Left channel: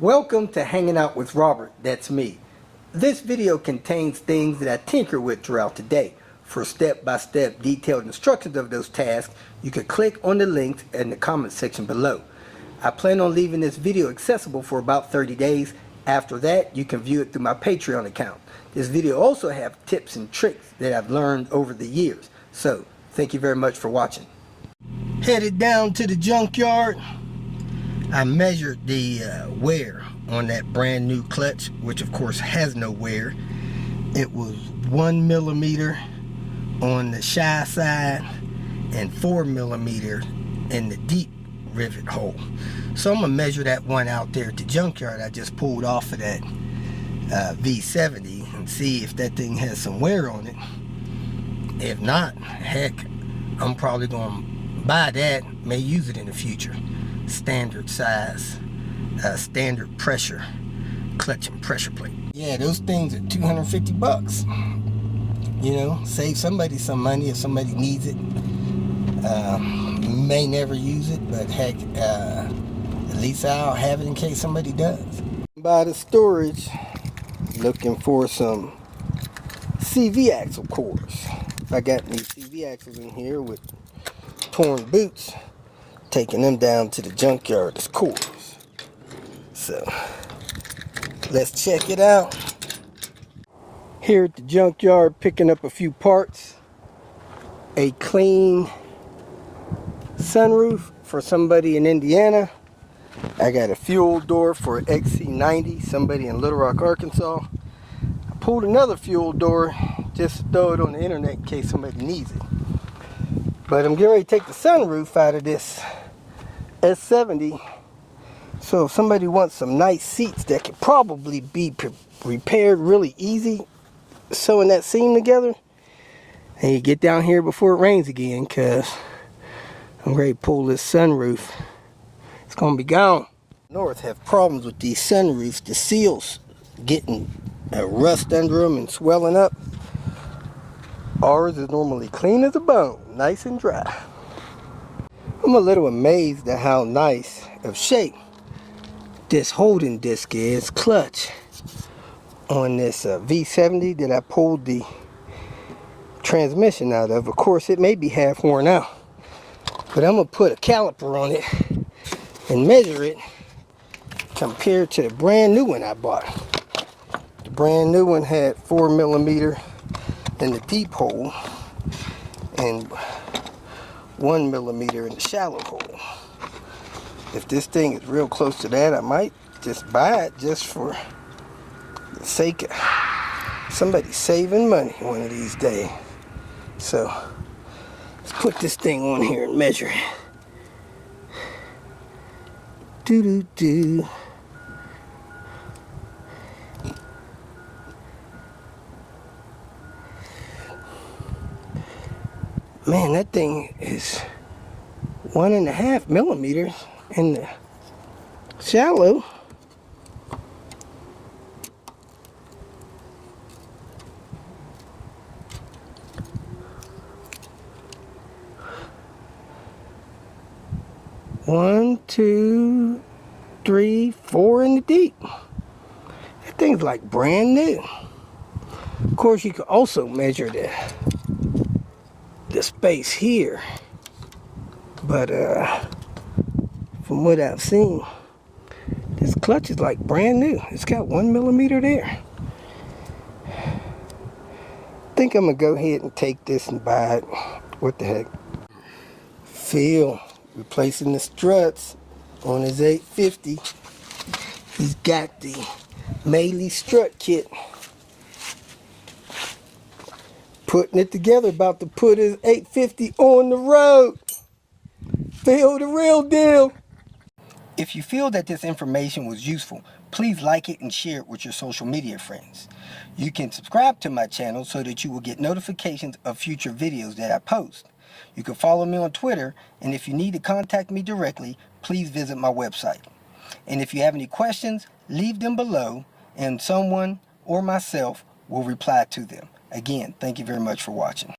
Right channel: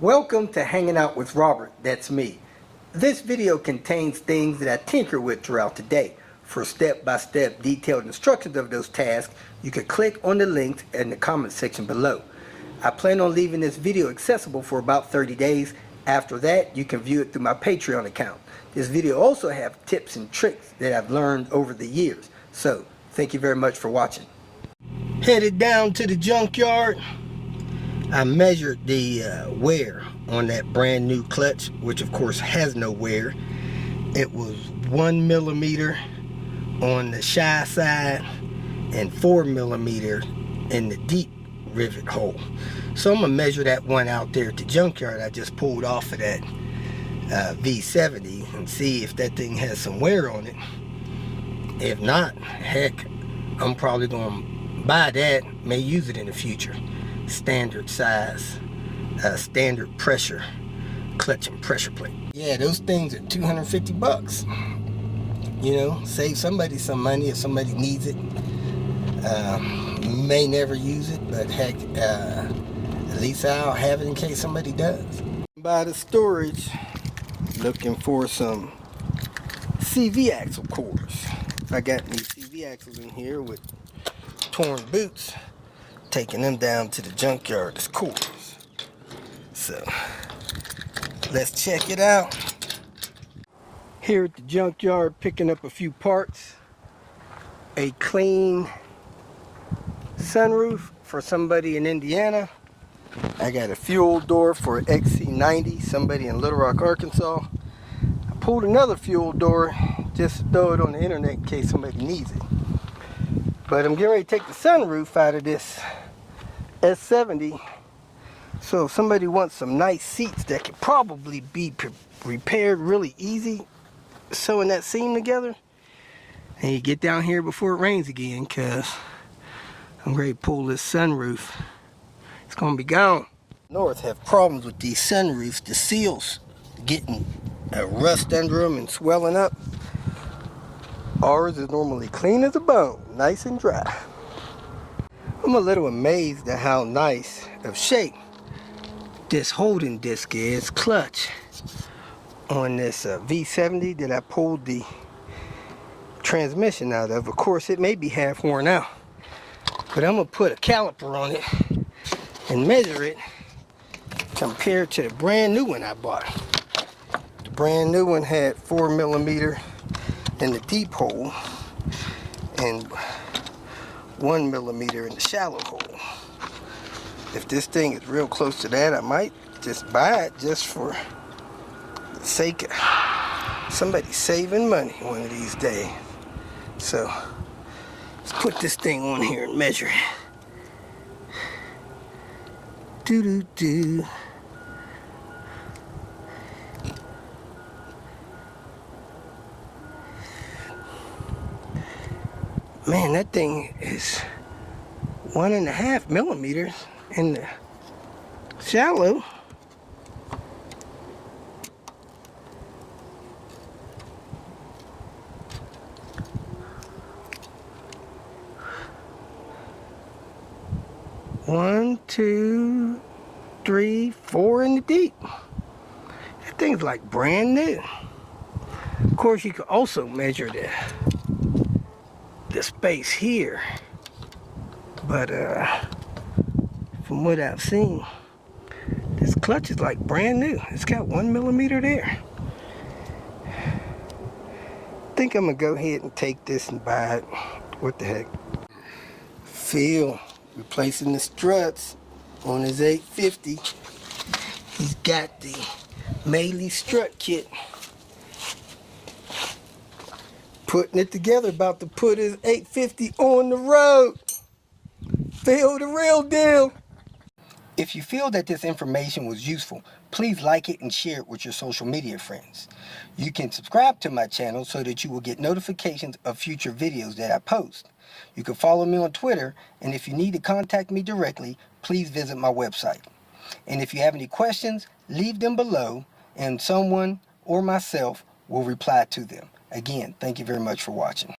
Welcome to Hanging Out with Robert, that's me. This video contains things that I tinker with throughout the day. For step-by-step detailed instructions of those tasks, you can click on the links in the comment section below. I plan on leaving this video accessible for about 30 days. After that, you can view it through my Patreon account. This video also has tips and tricks that I've learned over the years. So, thank you very much for watching. Headed down to the junkyard. I measured the wear on that brand new clutch, which of course has no wear. It was 1 millimeter on the shy side and 4 millimeter in the deep rivet hole. So I'm gonna measure that one out there at the junkyard I just pulled off of that V70 and see if that thing has some wear on it. If not, heck, I'm probably gonna buy that, may use it in the future. Standard size, standard pressure clutch and pressure plate. Yeah, those things are 250 bucks. You know, save somebody some money if somebody needs it. You may never use it, but heck, at least I'll have it in case somebody does. By the storage, looking for some CV axle cores. If I got any CV axles in here with torn boots, taking them down to the junkyard as cores. So let's check it out. Here at the junkyard, picking up a few parts. A clean sunroof for somebody in Indiana. I got a fuel door for XC90, somebody in Little Rock, Arkansas. I pulled another fuel door just to throw it on the internet in case somebody needs it. But I'm getting ready to take the sunroof out of this S70. So if somebody wants some nice seats that could probably be repaired really easy, sewing that seam together, and you get down here before it rains again, because I'm ready to pull this sunroof. It's going to be gone. North have problems with these sunroofs. The seals getting rust under them and swelling up. Ours is normally clean as a bone, nice and dry. I'm a little amazed at how nice of shape this holding disc is, clutch, on this V70 that I pulled the transmission out of. Of course, it may be half worn out, but I'm going to put a caliper on it and measure it compared to the brand new one I bought. The brand new one had 4 millimeter in the deep hole and 1 millimeter in the shallow hole. If this thing is real close to that, I might just buy it just for the sake of somebody saving money one of these days. So let's put this thing on here and measure it. Doo-doo-doo. Man, that thing is 1.5 millimeters in the shallow. One, two, three, 4 in the deep. That thing's like brand new. Of course, you could also measure the space here, but from what I've seen, this clutch is like brand new. It's got 1 millimeter there. I think I'm gonna go ahead and take this and buy it. What the heck? Phil replacing the struts on his 850. He's got the Melee strut kit. Putting it together, about to put his 850 on the road. Phil, the real deal. If you feel that this information was useful, please like it and share it with your social media friends. You can subscribe to my channel so that you will get notifications of future videos that I post. You can follow me on Twitter, and if you need to contact me directly, please visit my website. And if you have any questions, leave them below, and someone or myself will reply to them. Again, thank you very much for watching.